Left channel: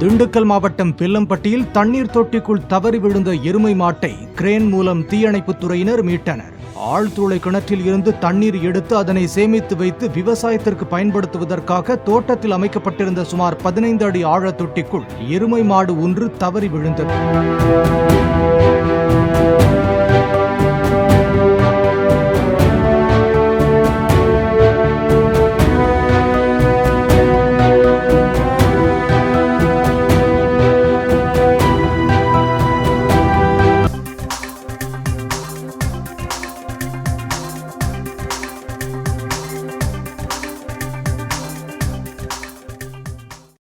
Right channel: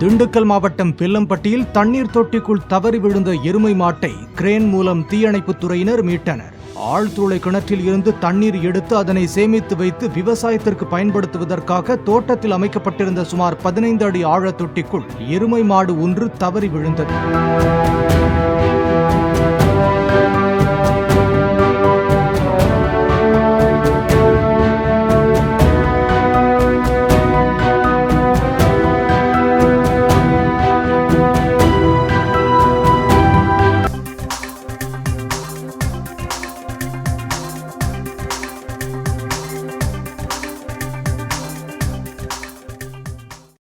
திண்டுக்கல் மாவட்டம் பில்லம்பட்டியில் தண்ணீர் தொட்டிக்குள் தவறி விழுந்த எருமை மாட்டை கிரேன் மூலம் தீயணைப்புத் துறையினர் மீட்டனர். ஆழ்துளை கிணற்றில் இருந்து தண்ணீர் எடுத்து அதனை சேமித்து வைத்து விவசாயத்திற்கு பயன்படுத்துவதற்காக தோட்டத்தில் அமைக்கப்பட்டிருந்த சுமார் 15 அடி ஆழ தொட்டிக்குள் எருமை மாடு ஒன்று தவறி விழுந்தது.